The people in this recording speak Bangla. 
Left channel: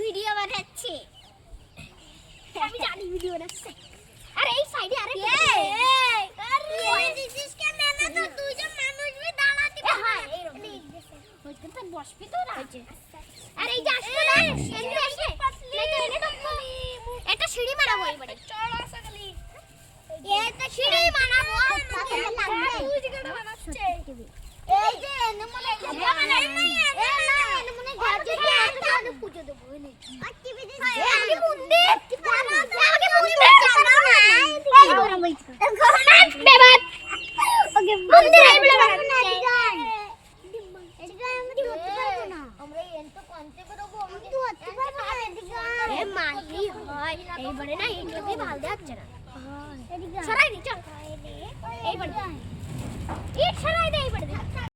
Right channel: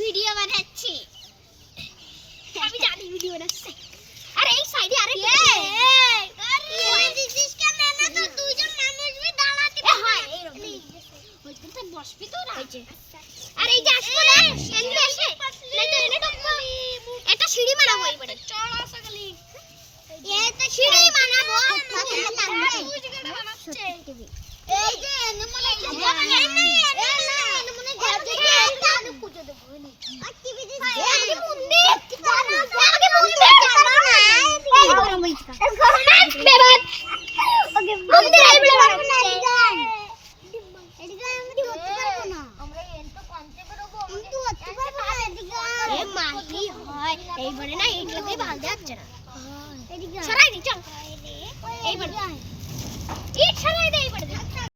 ভিডিও বানাচ্ছি আমি জানি ভিডিও বানাচ্ছে আরে এই সাইডে আরে দিছিস কেন না তো দুইজন মানুষ বি দাঁড়াতে হ্যাঁ এইরকম ওইখানে তো বসবি তো না আরে এই যে আসবো না এনে আসে নাই তো এনে ঢুকবো এটা সিঁড়ি মারাবো এইবারে চল আসা গলি এটা সিঁড়ি মারাবো তুই যেটা বানাচ্ছে এই যে এনে মনে এনে মনে ঘর থেকে একটা পুজো দেব এনে অ্যাক্টিভিটি আমাকে মুন্ডি আমাকে মুন্ডি এই গরম হইছে বেবাত ওকে মুন্ডি এই বলে বানাচ্ছে এদিকে আমরা হতে পারবো না আমরা এন্টো কানতে পারবো আমি তো হতে পারবো না এদিকে এ মাহি হয় এইবারে না এইগুলোতে ভাল যাচ্ছে না এদিকে সরাই দি চল এইবারে ইট সরাই দে এইবারে